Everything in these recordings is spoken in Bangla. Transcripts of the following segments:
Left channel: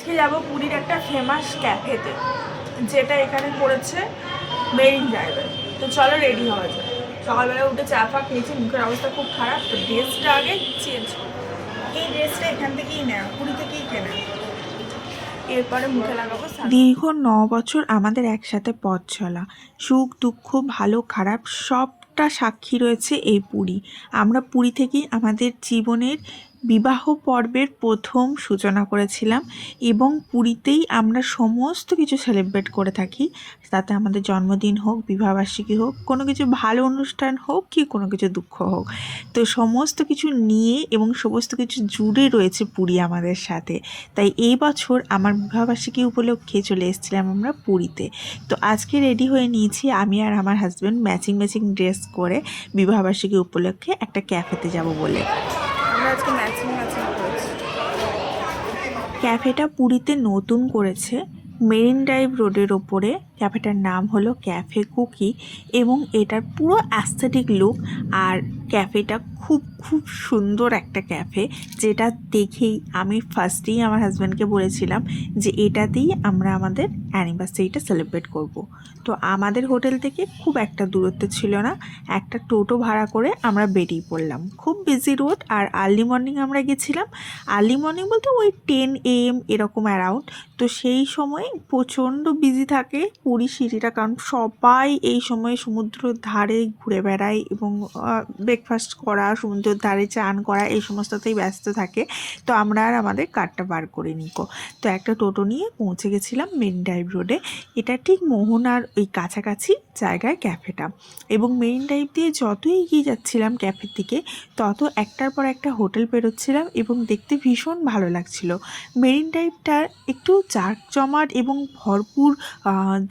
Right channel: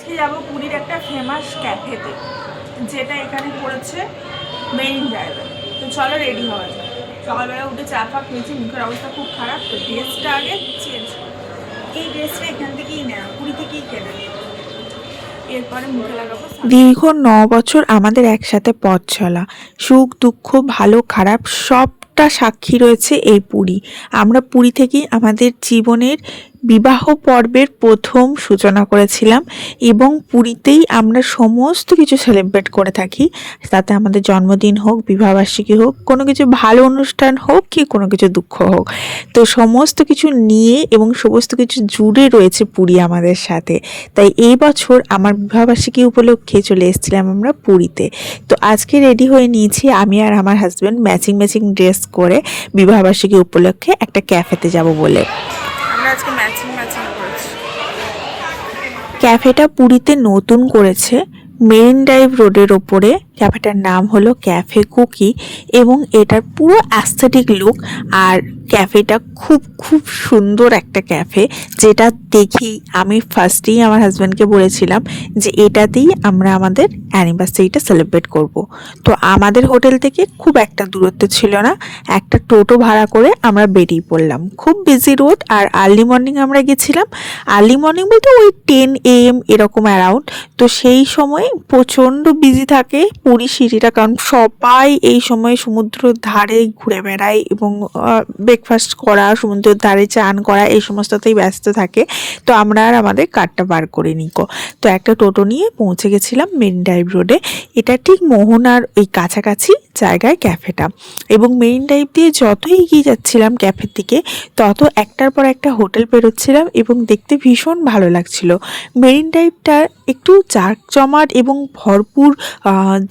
আজকে যাবো পুরীর একটা ফেমাস ক্যাফেতে, যেটা এখানে পড়েছে মেরিন ড্রাইভে। তো চলো রেডি হওয়া যায়। সকালবেলা উঠে চা ফা খেয়েছি, মুখের অবস্থা খুব খারাপ, তো ড্রেসটা আগে চেঞ্জ করো। এই ড্রেসটা এখান থেকেই নেওয়া, পুরী থেকেই কেনা। এরপরে মুখে লাগাবো। দীর্ঘ ৯ বছর আমাদের একসাথে পথ চলা, সুখ দুঃখ ভালো খারাপ সবটা সাক্ষী রয়েছে এই পুরী। আমরা পুরী থেকেই আমাদের জীবনের বিবাহ পর্বের প্রথম সূচনা করেছিলাম এবং পুরীতেই আমরা সমস্ত কিছু সেলিব্রেট করে থাকি। তাতে আমাদের জন্মদিন হোক, বিবাহবার্ষিকী হোক, কোনো কিছু ভালো অনুষ্ঠান হোক কি কোনো কিছু দুঃখ হোক, তো সমস্ত কিছু নিয়ে এবং সমস্ত কিছু জুড়ে রয়েছে পুরী আমাদের সাথে। তাই এই বছর আমার বিবাহবার্ষিকী উপলক্ষে চলে এসেছিলাম আমরা পুরীতে। তো আজকে রেডি হয়ে নিয়েছি আমি আর আমার হাজব্যান্ড, ম্যাচিং ম্যাচিং ড্রেস করে বিবাহবার্ষিকী উপলক্ষে একটা ক্যাফেতে যাব বলে। আমরা আজকে ম্যাচিং ম্যাচিং করেছি। ক্যাফেটা পুরীতে নতুন করেছে, মেরিন ড্রাইভ রোডের ওপরে। ক্যাফেটার নাম হলো ক্যাফে কুকি এবং এটার পুরো অ্যাস্থেটিক লুক। আর ক্যাফেটা খুব খুব সুন্দর একটা ক্যাফে, যেটা দেখেই আমি ফার্স্টেই আমার হাজব্যান্ডকে বলেছিলাম যে এটাতেই আমরা আমাদের অ্যানিভার্সারিটা সেলিব্রেট করব। তো আমাদের হোটেল থেকে খুব একটা দূরত্ব ছিল না, একটা টোটো ভাড়া করে আমরা বেরিয়ে পড়লাম। খুব বিজি রোড, আর আর্লি মর্নিং আমরা গেছিলাম। আর্লি মর্নিং বলতে ওই 10 AM এরকম অ্যারাউন্ড। তো সেই সময় প্রচণ্ড বিজি থাকে পুরী সিটিটা, কারণ সবাই এই সময় সমুদ্রের ধারে ঘুরে বেড়ায় এবং ব্রেকফাস্ট করা, সমুদ্রের ধারে চান করা, এই সমস্ততেই ব্যস্ত থাকে। তো আমরা আর আমাদের কারটা বার করে নিকো। তো একটা টোটো নিয়ে পৌঁছে গেছিলাম মেরিন ড্রাইভ রোডে। এটা ঠিক মোহনার ওই কাছাকাছি জায়গায় ক্যাফেটা। এবং মেরিন ড্রাইভ দিয়ে যত এগিয়ে যাচ্ছিলাম ক্যাফের দিকে, তত একটার পর একটা হোটেল পেরোচ্ছিলাম এবং দেখতে ভীষণ ভালো লাগছিল। মেরিন ড্রাইভটা একটু জাঁকজমাট এবং ভরপুর,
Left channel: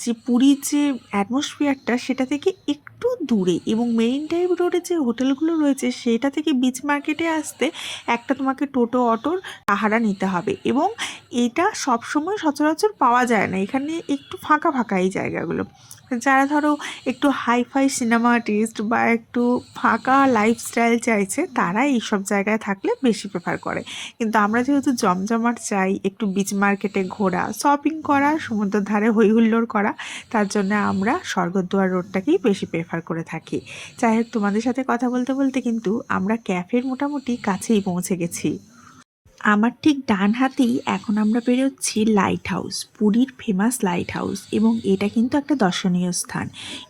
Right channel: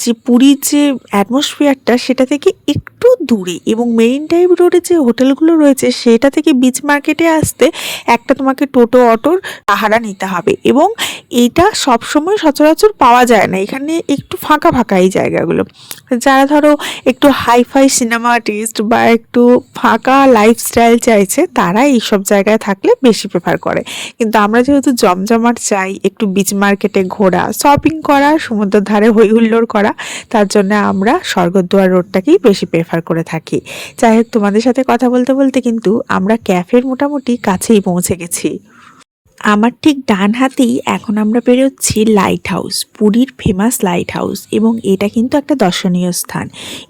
যে পুরীর যে অ্যাটমসফিয়ারটা সেটা থেকে একটু দূরে। এবং মেরিন ড্রাইভ রোডে যে হোটেলগুলো রয়েছে সেটা থেকে বিচ মার্কেটে আসতে একটা তোমাকে টোটো অটোর ভাড়া নিতে হবে, এবং এইটা সবসময় সচরাচর পাওয়া যায় না। এখানে একটু ফাঁকা ফাঁকা এই জায়গাগুলো। যারা ধরো একটু হাইফাই সিনেমা আর্টিস্ট বা একটু ফাঁকা লাইফস্টাইল চাইছে, তারা এইসব জায়গায় থাকলে বেশি প্রেফার করে। কিন্তু আমরা যেহেতু জমজমাট চাই, একটু বিচ মার্কেটে ঘোরা, শপিং করা, সমুদ্রের ধারে হই হুল্লোড় করা, তার জন্য আমরা স্বর্গদ্বার রোডটাকেই বেশি প্রেফার করে থাকি। যাই হোক, তোমাদের সাথে কথা বলতে বলতে কিন্তু আমরা ক্যাফের মোটামুটি কাছেই পৌঁছে গেছি। আমার ঠিক ডান হাতেই এখন আমরা বেরোচ্ছি লাইট হাউস, পুরীর ফেমাস লাইট হাউস, এবং এটা কিন্তু একটা দর্শনীয় স্থান।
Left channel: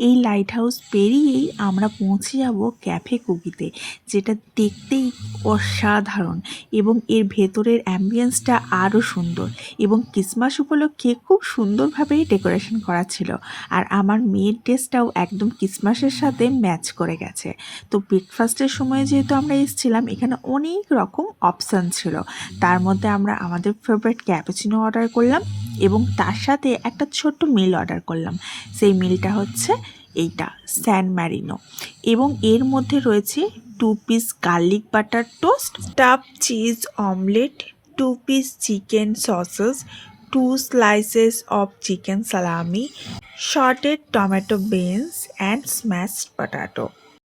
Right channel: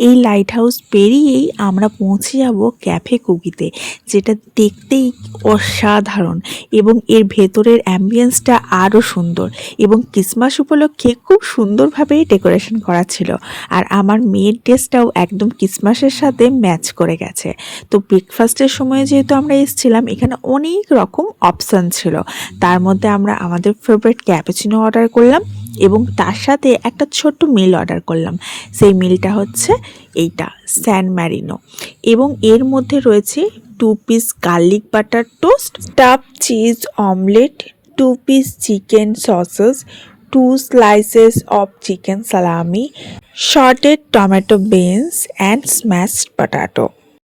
এই লাইট হাউস পেরিয়েই আমরা পৌঁছে যাব ক্যাফে কুকিতে, যেটা দেখতেই অসাধারণ এবং এর ভেতরের অ্যাম্বিয়েন্সটা আরও সুন্দর। এবং ক্রিসমাস উপলক্ষে খুব সুন্দরভাবে ডেকোরেশন করা ছিল, আর আমার মেয়ের ড্রেসটাও একদম ক্রিসমাসের সাথে ম্যাচ করে গেছে। তো ব্রেকফাস্টের সময় যেহেতু আমরা এসেছিলাম, এখানে অনেক রকম অপশান ছিল। তার মধ্যে আমরা আমাদের ফেভারিট ক্যাপুচিনো অর্ডার করলাম এবং তার সাথে একটা ছোট্ট মিল অর্ডার করলাম। সেই মিলটা হচ্ছে এইটা, স্যান ম্যারিনো, এবং এর মধ্যে রয়েছে 2 piece garlic butter toast, staff cheese omelette, 2 piece chicken sausages, 2 slices of chicken salami, shorted tomato beans and smashed potato.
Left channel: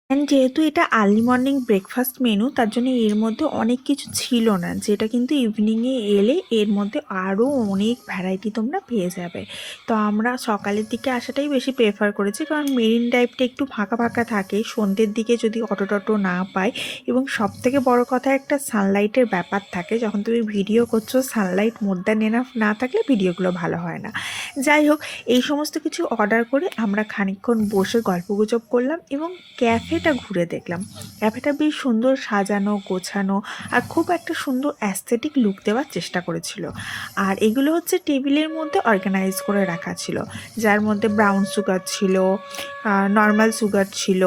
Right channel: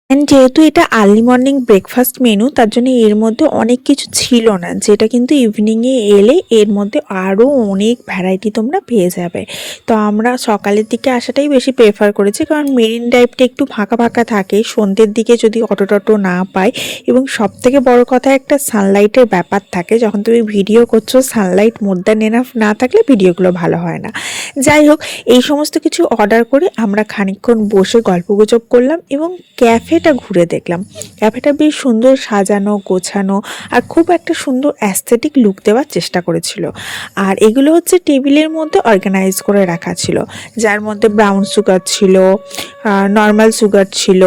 And যেহেতু এটা আর্লি মর্নিং ব্রেকফাস্ট মেনু, তার জন্য এর মধ্যে অনেক কিছু ছিল না, যেটা কিন্তু ইভিনিংয়ে এলে এর মধ্যে আরও অনেক ভ্যারাইটি তোমরা পেয়ে যাবে। তো আমরা সকালের দিকে আসাটাই বেশি প্রেফার করেছি, কারণ মেরিন ড্রাইভটা একটু ফাঁকা ফাঁকা থাকে সন্ধ্যের দিকে যদি অটো টটো না পাই। এবং সবথেকে বড় কথা, একটা সানলাইটের ব্যাপার থাকে। যখন তুমি ভিডিও করছো, সানলাইট মোর দ্যান এনাফ না থাকলে ভিডিওগুলো ভালো হয় না। যাই হোক, এই সমস্ত কিছু অর্ডার করে আমরা খানিকক্ষণ বসে গল্পগুজব করলাম এবং ক্যাফেটা ঘুরে দেখলাম। ক্যাফেটা বেশ সুন্দর সাজানো গোছানো, আর খুব একটা সুন্দর অ্যাস্থেটিক লুক দেওয়ার চেষ্টা করেছিল। আর এগুলো হচ্ছে টেবিলের মধ্যে অর্গানাইজ করে রাখা ছিল, যার মধ্যে ব্রাউন সুগার ছিল, নর্মাল সুগার ছিল,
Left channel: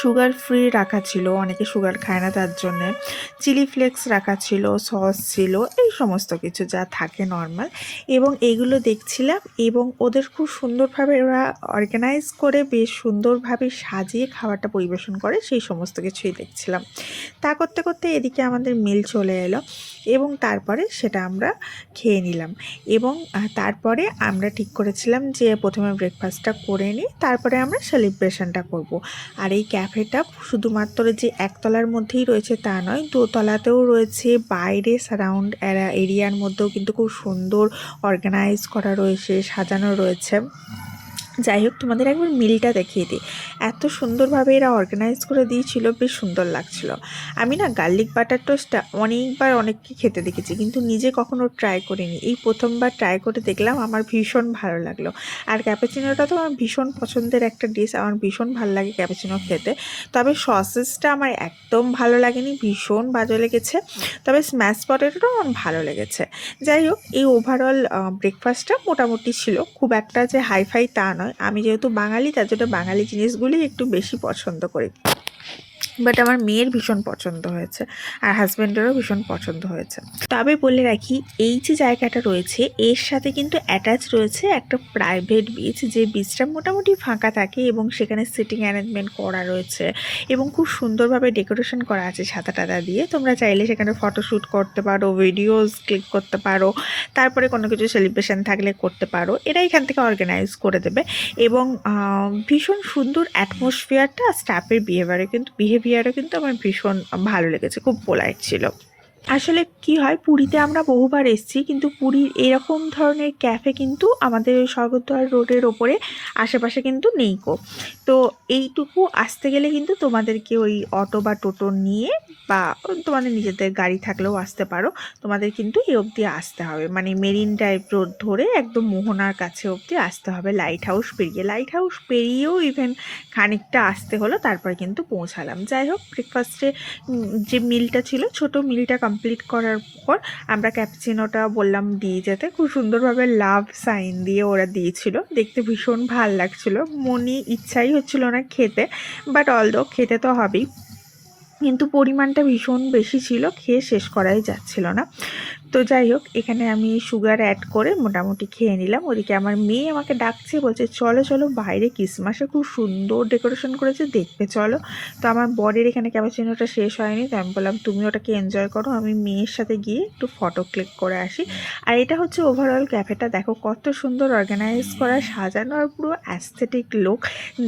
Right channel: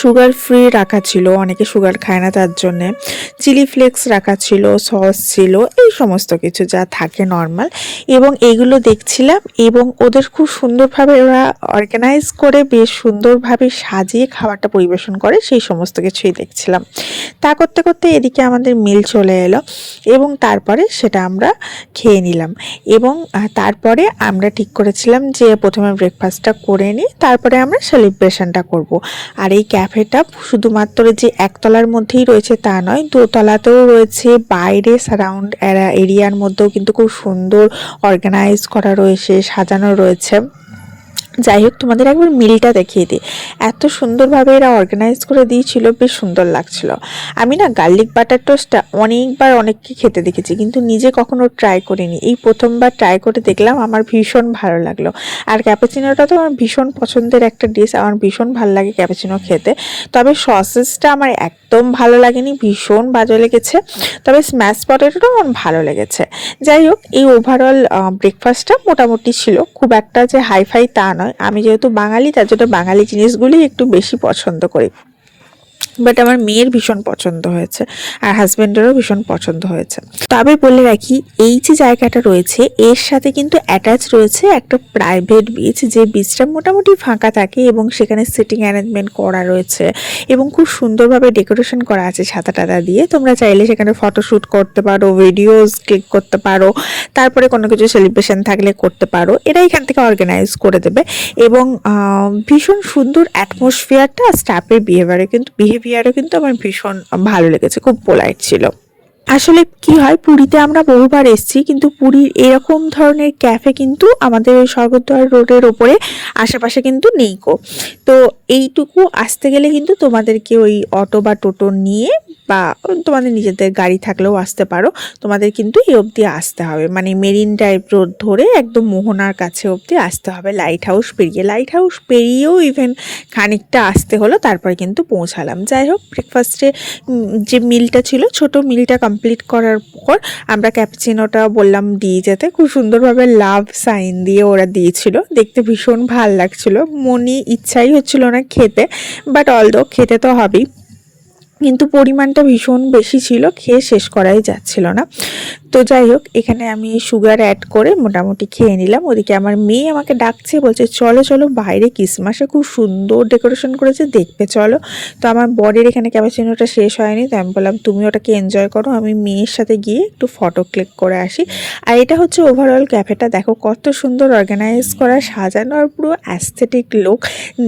সুগার ফ্রি রাখা ছিল, অনেকে সুগার খায় না তার জন্যে, চিলি ফ্লেক্স রাখা ছিল, সস ছিল, এই সমস্ত কিছু যা থাকে নর্মাল। এবং এগুলো দেখছিলাম, এবং ওদের খুব সুন্দরভাবে ওরা অর্গানাইজ করে বেশ সুন্দরভাবে সাজিয়ে খাবারটা পরিবেশন করে, সেই সমস্ত কিছুই দেখছিলাম। তা করতে করতে এদিকে আমাদের মিল চলে এলো এবং তারপরে সেটা আমরা খেয়ে নিলাম। এবং তারপরে আমরা ঠিক করেছিলাম যে প্রথমে ব্রেকফাস্টটা করে নিই, তারপরে আমরা সেলিব্রেশনটা করব। আর এই ক্যাফেটা শুধুমাত্র যে একতলার মধ্যেই রয়েছে তা নয়, দোতলাতেও রয়েছে, বাইরে সারাউন্ড এরিয়ার মধ্যেও কিন্তু খুব সুন্দর অর্গানাইজ করা রয়েছে, সাজানো রয়েছে। যাই হোক, তোমাদের একবার মিলটা দেখিয়ে দিই। এত সুন্দরভাবে এরা অর্গানাইজ করে দিয়েছিল, বেশ সুন্দর লাগছিল। আমি না গার্লিক বাটার টোস্টটা অনেকবার অনেককে খেতে দেখেছি, কিন্তু নিজে কখনো ট্রাই করিনি। এই প্রথমবার ট্রাই করে দেখলাম, আমার ভীষণ ভালো লাগলো। আর ক্যাপুচিনোটা তো আমার ভীষণ পছন্দের একটা ডিশ, আমার ভীষণ ভালো লাগে ক্যাপুচিনো খেতে। তবে সসেসটা আমার একদম ভালো লাগেনি, ভীষণ বাজে লেগেছে। তবে স্ম্যাশ পটেটোটাও আমার ভালো লেগেছে। যাই হোক, এই ওভারঅল ব্রেকফাস্টটা মোটামুটি ছিল, খুব একটা যে হাইফাই তা নয়। আমি যেহেতু বাঙালি, তার জন্য বাঙালি জিনিসগুলি একটু বেশি পছন্দ করি। বাট আমার মেয়ের ভীষণ পছন্দ হয়েছে, আর হাজব্যান্ডেরও ভীষণ পছন্দ হয়েছে। তবে বলে রাখি, এই যে জায়গাটা রয়েছে এর সাথে কিন্তু অ্যাটাচ রয়েছে একটা প্রাইভেট বিচ, যে বিচটা মোটামুটি ফাঁকা থাকে এবং সেখানে সিটিং অ্যারেঞ্জমেন্ট করা রয়েছে এবং খুব সুন্দরভাবে ডেকোরেশন করা আছে ছাতা টাতা দিয়ে। তোমরা চাইলে সেখানে ফটোশ্যুট করতে পারো, ভিডিওস ক্লিক করতে পারো, তারপরে কোনো কিছু সেলিব্রেশন থাকলে করতে পারো। এরা এখান থেকে অর্গানাইজ করে দেবে এবং ভীষণ সুন্দর অ্যাটমসফিয়ারটা, স্টাফের বিহেভিয়ারও কিন্তু আমার ভীষণ ভালো লেগেছে, খুব পোলাইট ছিল। আসলে কি হয়, পুরীতে আমরা বহুবার এসেছি, কিন্তু পুরীর এরকম ধরনের ক্যাফে কিন্তু আমাদের ওই স্বর্গদ্বার রোডের ওপরে আশেপাশে কিন্তু নেই কো। তো এইটুকু আসতে গেলে কিন্তু তোমাদেরকে ওই অটো বা টোটো নিয়ে, বা তোমাদের নিজেদের গাড়ি থাকলেও আসতে পারো, তোমাদের কিন্তু এই অবধি আসতে হবে, মানে মেরিন ড্রাইভ রোড ধরে একদম মোহনার কাছে অবধি আসতে হবে, লাইট হাউস পেরিয়েও ইভেন খানিকটা আসতে হলো, তারপরে কিন্তু পৌঁছালাম। যাই হোক, ব্রেকফাস্টে যে মিলটা ছিল, ছোট মিলটা কমপ্লিট করার পর আমরা ক্যাপুচিনোটা বললাম দিয়ে যেতে, খুব সুন্দরভাবে লাভ সাইন দিয়ে ওরা দিয়েছিল, দেখতে ভীষণ ভাল লাগছিল। মনে ইচ্ছাই হচ্ছিল না খেতে, বাট অলদো খেতে তো হবেই, কিন্তু পরিমাণটা ভীষণ বেশি ছিল, খেয়ে শেষ করাই যাচ্ছিল না। তো যাই হোক, এখানে আমি সুগার অ্যাড করে মোটামুটি খেয়ে নিলাম। ওদিকে আমার মেয়ে আমাকে ডাকছে, বলছে চলো চলো বাইরে ক্রিসমাসে খুব সুন্দর ডেকোরেশন করেছে, দেখবে চলো। তো আমার বরের এখানে ক্যাপুচিনোটা শেষ হয়নি, তো আমি বললাম তুমি ওটাকে এনজয় করো, আমি মেয়ের সাথে গিয়ে একটু ফটো ক্লিক করে আসি। আর এটা হচ্ছে ওভারঅল ক্যাফেটা, দেখো কত সুন্দর অর্গানাইজ করা, সাজানো, আর পুরো অ্যাস্থেটিক লুক,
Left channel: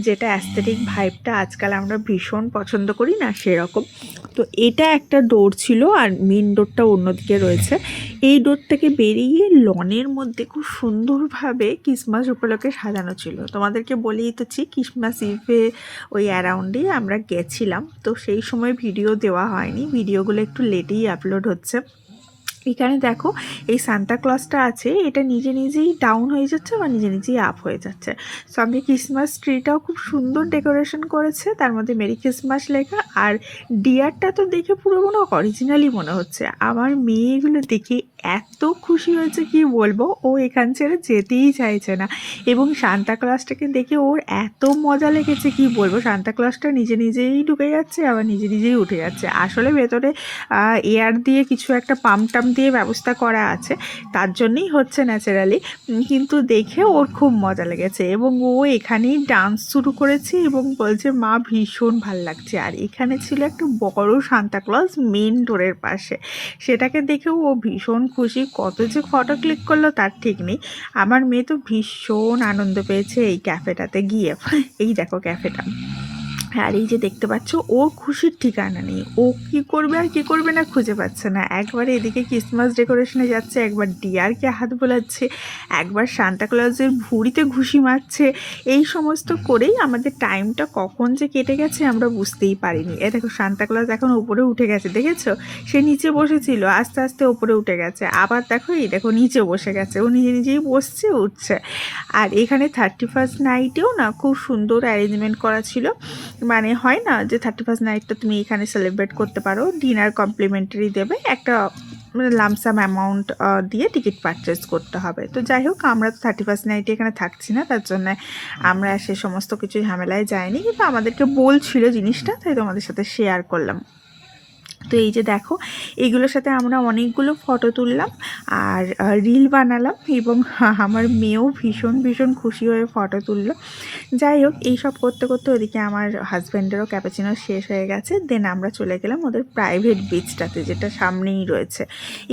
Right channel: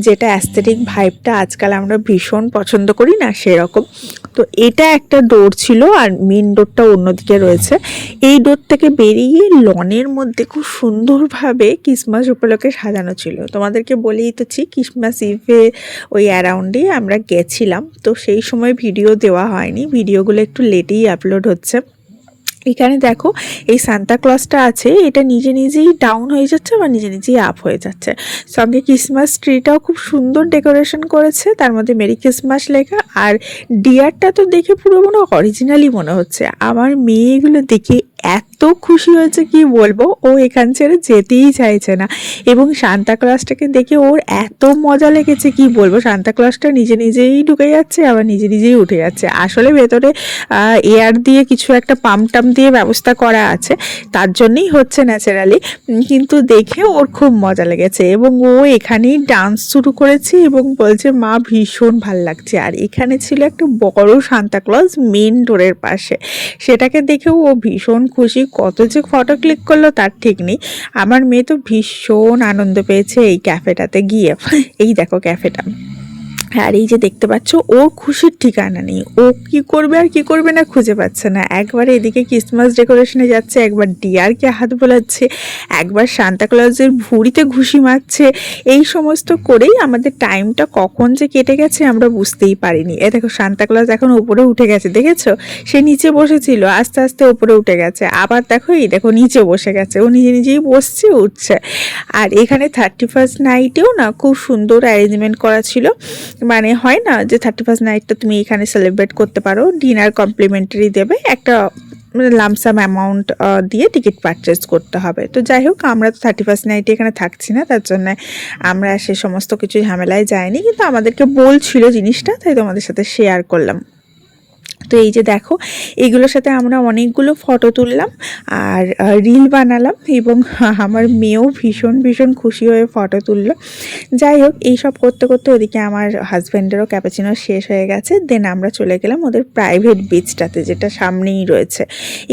যেটা অ্যাস্থেটিক ভাইবটা আজকাল আমরা ভীষণ পছন্দ করি না, সেরকম। তো এটা একটা ডোর ছিল, আর মেন ডোরটা অন্যদিকে রয়েছে। এই ডোর থেকে বেরিয়ে লনের মধ্যে খুব সুন্দরভাবে ক্রিসমাস উপলক্ষে সাজানো ছিল। তোমাদেরকে বলেই তোছি, ক্রিসমাস ইভে ওই অ্যারাউন্ডে আমরা গেছিলাম, তো সেই সময় ভিডিও দেওয়া হয়নি, ভিডিওগুলো একটু লেটেই আপলোড হচ্ছে। এখানে দেখো, এই সান্তা ক্লজটা আছে, এটা নিজে নিজেই ডাউন হয়ে যাচ্ছে বা নিজে নিজেই আপ হয়ে যাচ্ছে। সঙ্গে ক্রিসমাস ট্রিটাও খুব সুন্দর ডেকোরেশন করেছে, তার মধ্যে মেরি ক্রিসমাস লেখা। আর ডিয়ারটা তো দেখে পুরো মনে অরিজিনালি মনে হচ্ছে। আমার মেয়ে এগুলো দেখে এত খুশি হয়েছে কি বলবো, ও এখান ছেড়ে যেতেই চাইছে না। এবং সান্তা ক্লজটাকে দেখে ওর এত মজা লেগেছে কি বলবো, সান্তা ক্লজটা নিজে নিজেই ঢুকে যাচ্ছে, আবার নিজে নিজেই উঠে যাচ্ছে। আসলে ভেতরে এয়ার দিয়ে কিছু একটা পাম্প টাম দিয়ে ব্যবস্থা করা আছে, তার জন্যই হচ্ছে ন্যাচারালি, কিন্তু দেখে ওর খুব মজা লেগেছে এবং ও এখানেই ডান্স শুরু করেছে এবং বলছে মা ভীষণ ভাল লাগছে। আর এখানে ছিল একটা বড় সান্তা ক্লজ মেন ডোরের পাশে, সেটাকে দেখেও ও ভীষণ খুশি, কত যে ফটো ক্লিক করলো তার ঠিক নেই। আমার মেয়ে তো ভীষণ আনন্দ পেয়েছে এই ক্যাফেটাতে গিয়ে। এই দেখো ক্যাফেটা, আর এই যে দেখতে পাচ্ছ, ওর খুশির ঠিকানা নেই, ও কি করবে আর কি করবে না খুঁজে পাচ্ছে না। একবার এদিকে ক্রিসমাস ডেকোরেশনে যাচ্ছে, একবার ডিয়ারকে হাত বোলাচ্ছে, একবার সান্তা ক্লজের ভুঁড়িতে ঘুষি মারছে। এই সমস্ত করেই আমাদের টাইমটা কখন যে কেটে গেছে আমরা বুঝতেই পারিনি। এ দেখো, সান্তা ক্লজ এখন উপরে উঠে গেছে, দেখেছো? সে নিচে বসেছিল, আস্তে আস্তে উপরে উঠে গেছে, আবার দেখো এই দেখো নিচে বসে গেছে, ও নিজে নিজেই বসছে, উঠছে। আর এখানে 31st নাইটেও না খুব সুন্দর অ্যারেঞ্জমেন্ট করা ছিল, মানে হয় না যে 31st নাইটটা তুমি এখানে সেলিব্রেট করতে পারো, ডিনার কমপ্লিমেন্টারি দেবে, একটা লামসাম অ্যামাউন্ট দিয়ে টিকিট পারচেস করতে হবে। তো যাই হোক, আমরা তো 31st নাইটে এখানে থাকছি না, তার জন্য আমরা সে সমস্ত কিছু ঝামেলায় যাইনি, কিন্তু আমাদেরকে বলছিল জিনিসটা, তাই তোমাদের সাথে শেয়ার করলাম। তো এই যে দেখো, এগুলোর সাথে আমরা অনেকগুলো ফটো তুললাম আর রিল বানালাম, এবং আমার মেয়েও ভীষণ ভীষণ খুশি হয়ে ফটো তুললো। যাই হোক, এইসব করতে করতে ওদিকে আমার হাজব্যান্ডেরও ক্যাপাচিনো শেষ হয়ে গেছে। দেন আমরা চলে গেলাম ওদের প্রাইভেট বিচটাতে, যেটা সামনেই রয়েছে,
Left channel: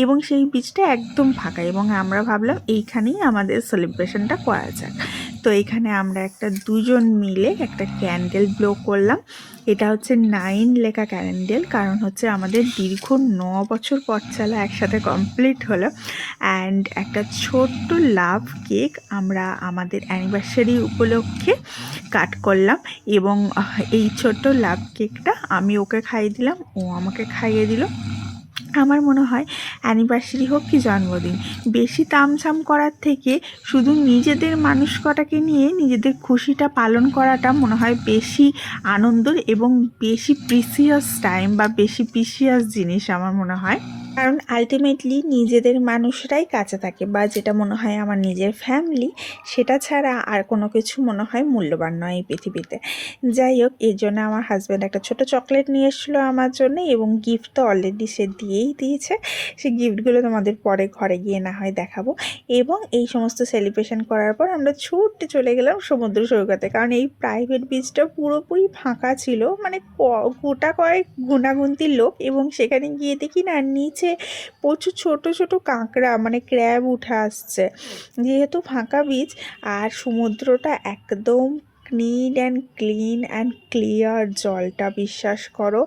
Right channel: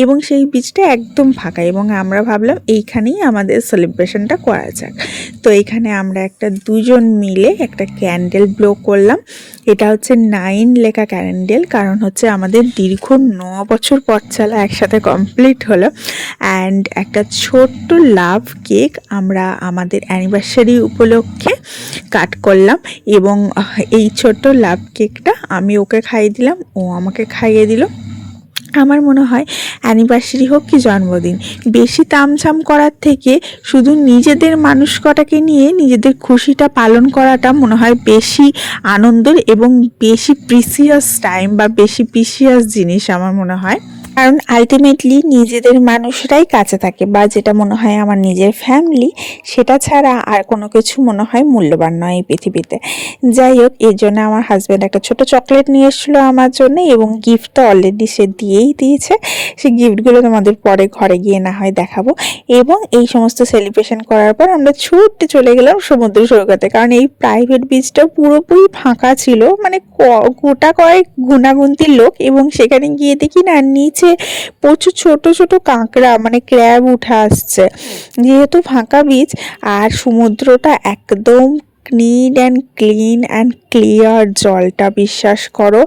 এবং সেই বিচটা একদম ফাঁকা, এবং আমরা ভাবলাম এইখানেই আমাদের সেলিব্রেশনটা করা যাক। তো এইখানে আমরা দুজন মিলে একটা ক্যান্ডেল ব্লো করলাম। এটা হচ্ছে 9 লেখা ক্যান্ডেল, কারণ হচ্ছে আমাদের দীর্ঘ 9 বছর পথ চলা একসাথে কমপ্লিট হলো। অ্যান্ড একটা ছোট্ট লাভ কেক আমরা আমাদের অ্যানিভার্সারি উপলক্ষে কাট করলাম, এবং এই ছোট্ট লাভ কেকটা আমি ওকে খাইয়ে দিলাম, ও আমাকে খাইয়ে দিল। আমার মনে হয় অ্যানিভার্সারি হোক কি জন্মদিন, বেশি তামঝাম করার থেকে শুধু নিজেদের মানুষ কটাকে নিয়ে নিজেদের খুশিটা পালন করাটা মনে হয় বেশি আনন্দের এবং বেশি প্রিসিয়াস টাইম বা বেশি প্রিসিয়াস জিনিস আমার মনে হয়। কারণ আলটিমেটলি নিজেদের মানুষরাই কাছে থাকে, বা যেটা মনে হয় আমার নিজের ফ্যামিলি, সেটা ছাড়া আর কোনো কিছু মনে হয় মূল্যবান নয় এই পৃথিবীতে। যাই হোক, এর জন্য আমার হাজব্যান্ড একটা ছোট চকলেট নিয়ে এসেছিলো আমার জন্য, এবং গিফট তো অলরেডি সে দিয়েই দিয়েছে। সেই গিফটগুলো তোমাদের পরে ঘরে গিয়ে না হয় দেখাবো। এবং এই সমস্ত সেলিব্রেশন করার পর আমরা ছুটে চলে গেলাম সমুদ্র সৈকতে, কারণ এই প্রাইভেট বিচটা পুরোপুরি ফাঁকা ছিল, মানে গোটা কয়েক গুনাগুনতির লোক, এবং সেখানে গিয়ে দেখি না নিচে প্রচুর ছোট ছোট কাঁকড়া মানে ক্র্যাব উঠে আসছে, যেহেতু ফাঁকা বিচ আর সমুদ্রটা একদম ক্লিন অ্যান্ড ক্লিয়ার, জলটা বিশ্বাস করো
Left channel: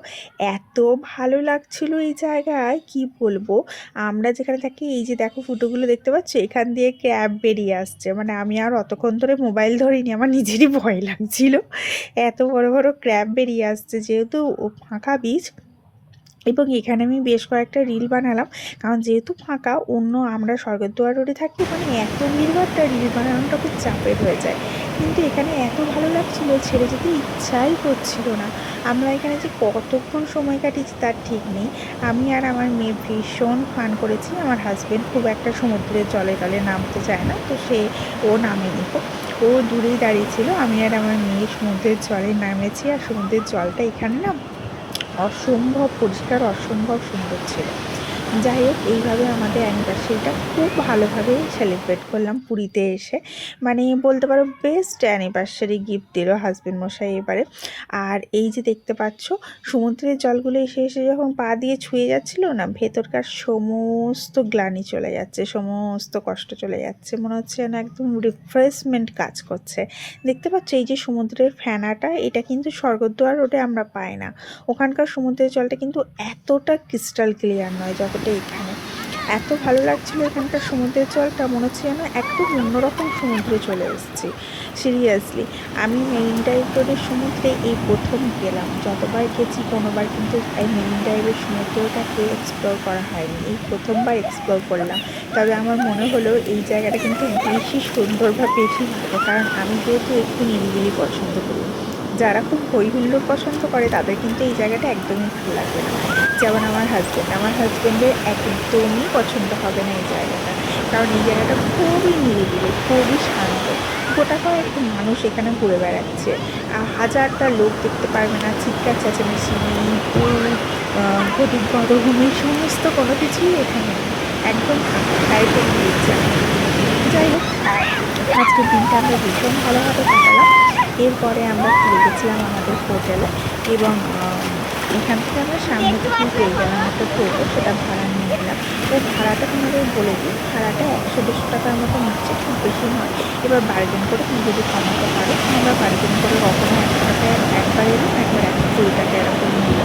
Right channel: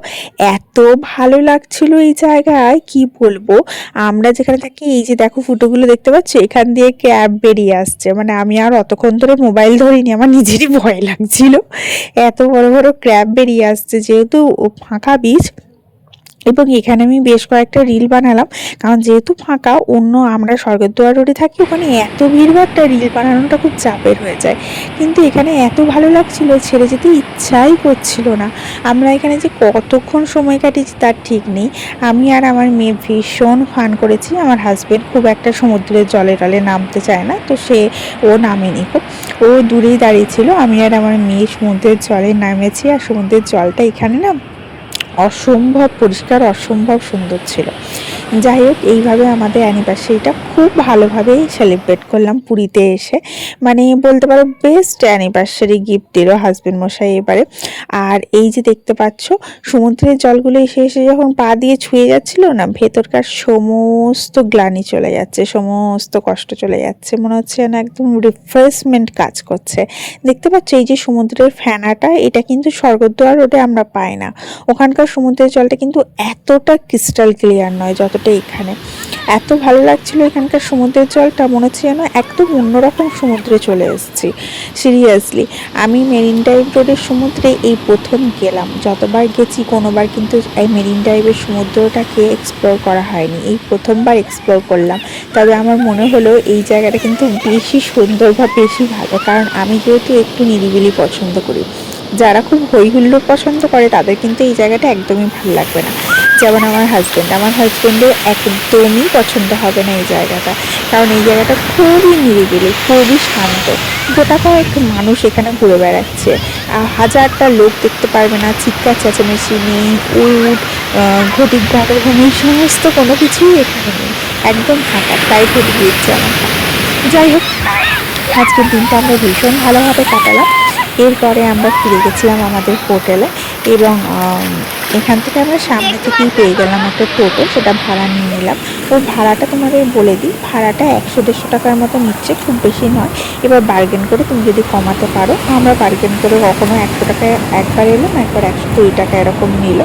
এত ভালো লাগছিল এই জায়গায়, কি বলবো। আমরা যেখানে থাকি, এই যে দেখো ফুটোগুলো দেখতে পাচ্ছ, এখান দিয়ে ক্র্যাব বেরিয়ে আসছে, মানে আমি আর অতক্ষণ ধরে মোবাইল ধরিনি, আমার নিজেরই ভয় লাগছিল, এত বড় বড় ক্র্যাব বেরিয়ে আসছে, যেহেতু ফাঁকা বিচ। এবং এখানে আমি বেশ কয়েকটা রিল বানালাম, কারণ যেহেতু ফাঁকা, অন্য আমরা স্বর্গদ্বার রোডে থাকি, ওখানে এত ভিড়ভাড়টা রিল বানানোটা খুব চাপের হয়ে যায়, কিন্তু এখানে এত ভালো লাগছিল, ছেড়ে যেতে ইচ্ছাই করছিল না। আমরা এখানে যে কতক্ষণ সময় কাটিয়েছি তার ঠিক নেই। আমি আর আমার মেয়ে ভীষণ ফান করেছি। আমার হাজব্যান্ড খুব একটা সমুদ্রের জলে টলে নামতে চায় না, তো ও নামেনি, ও দূরেই দাঁড়িয়েছিল। আমি আর আমার মেয়ে সমুদ্রের জলে নামেছি, আর সমুদ্রের জলটা এখানে না অসম্ভব পরিষ্কার, অসম্ভব সুন্দর ছিল। যাই হোক, এইভাবে আমাদের অ্যানিভার্সারিটা খুব ভালোভাবেই সেলিব্রেট করলাম পুরীতে এসে, মানে বলতে পারো বেস্ট অ্যানিভার্সারি গিফট দিল হাজব্যান্ড মশাই এবারে। আর এই যে দেখতে পাচ্ছ, সমুদ্রের জলগুলো এসে এসে যখন পা দিয়ে ছুঁয়ে যাচ্ছিল না, ভেতরকার সমস্ত গ্লানি চলে যাচ্ছে, সমস্ত কষ্ট চলে যাচ্ছে, মনে হচ্ছে না একদম রিফ্রেশমেন্ট কাজ করছে। দেখতে পাচ্ছ এই যে সমুদ্রের ফেনাটা, এটা কিন্তু স্বর্গদ্বার রোডে আমরা পাই না। ওখানকার সমুদ্রের জলটা কিন্তু এতটা ক্রিস্টাল ক্লিয়ার নয় যতটা এখানে। এত ভালো লাগছিল এখানকার সমুদ্রের জলটা, মনে হচ্ছে যেন একদম অন্যরকম সমুদ্রে চলে এসেছি। সিরিয়াসলি, আমি মেরিন ড্রাইভ রোডের সমুদ্রে এই প্রথম গেলাম। যতবার গেছি কোনোবার কিন্তু এই মেরিন ড্রাইভের সমুদ্রটাকে এক্সপ্লোর করা হয়নি, এই প্রথমবার এক্সপ্লোর করলাম। তবে আমার মনে হলো এই জায়গাটা কিন্তু বেশি সুন্দর বা বেশি ভালো, কারণ আমি যেহেতু একটু নিরিবিলি পছন্দ করি। যারা খুব হই হুল্লোড় পছন্দ করে তাদের কিন্তু এই জায়গাটা একদমই ভালো লাগবে না। যেমন আমার হাজব্যান্ডের একদমই পছন্দ হবে না এই জায়গাটা, কারণ এই জায়গাটা খুবই নিরিবিলি, খুবই শান্ত। গোটা কয়েক মানুষ এখানে ঘুরে বেড়াচ্ছে, হাজারটা লোক দেখতে পারবে না, চিৎকার চেঁচামেচি নেই, উট ঘটিক ঘটঘুমি সমস্ত কোনো কিছুই এখানে নেই, একদম ফাঁকা প্রাইভেট বিচ। যাই হোক, আজকের দিনটা আমরা ভীষণ ভালোভাবে কাটালাম। এরপরে আমরা ফিরে গেছিলাম আমাদের হোটেলে, এবং এখান থেকে আমরা সামনে থেকেই পেয়ে গেলাম একটা টোটো, সেটা ভাড়া নিয়ে নিলাম। ওর ভাড়াটা তোমাদের বলে দিই, ভাড়াটা 100-150 টাকার মতো নিচ্ছে, খুব বেশি নয়। এবার বার্গেন করে তুমি যদি কমাতে পারো, আমরা বার্গেন করে কখনো 100 টাকায় একবার এলাম, একবার 120 টাকা এরকম নিল।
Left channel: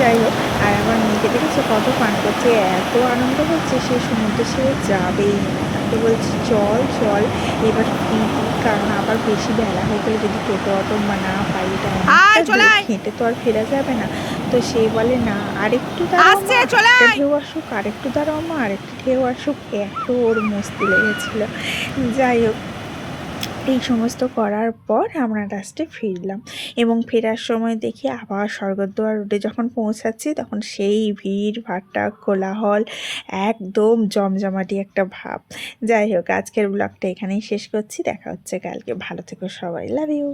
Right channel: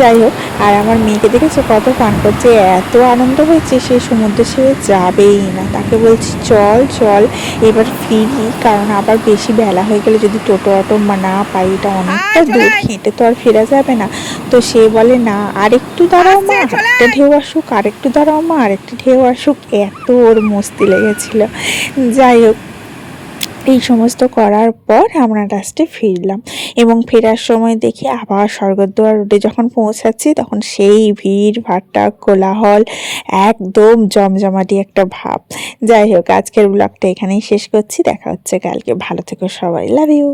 যাই হোক, আর আমার মেয়েকে দেখেছো কত ফান করছে, এত আনন্দ হচ্ছে, সে সমুদ্রে সে যাবেই না। তাকে বলছি চল চল এবার ফিরি, কারণ আবার বেশি বেলা হয়ে গেলে যদি টোটো অটো না পাই, এটা অনেকটা দূর, হেঁটে তো আর ফেরা যাবে না। তো সে বলে না, আরেকটু দাঁড়াও মা, একটা ঢেউ আসুক, আরেকটু দাঁড়াও মা, আরেকটু ঢেউ আসুক। এত ওর মস্তি লেগেছিল। যাই হোক, এই সমস্ত করার পর আমরা লাস্টে ফিরলাম, এবং ফেরার সময় দেখি আবার স্বর্গদ্বার রোডে যখন পৌঁছাচ্ছি, তখন সেই ভিড় ভাট্টা কোলাহল, একদম জমজমাটি একটা ভাব। যাই হোক, আজকের ব্লগটা এখানেই শেষ করছি, দেখা হচ্ছে কালকে। ভালো থেকো সবাই, লাভ ইউ।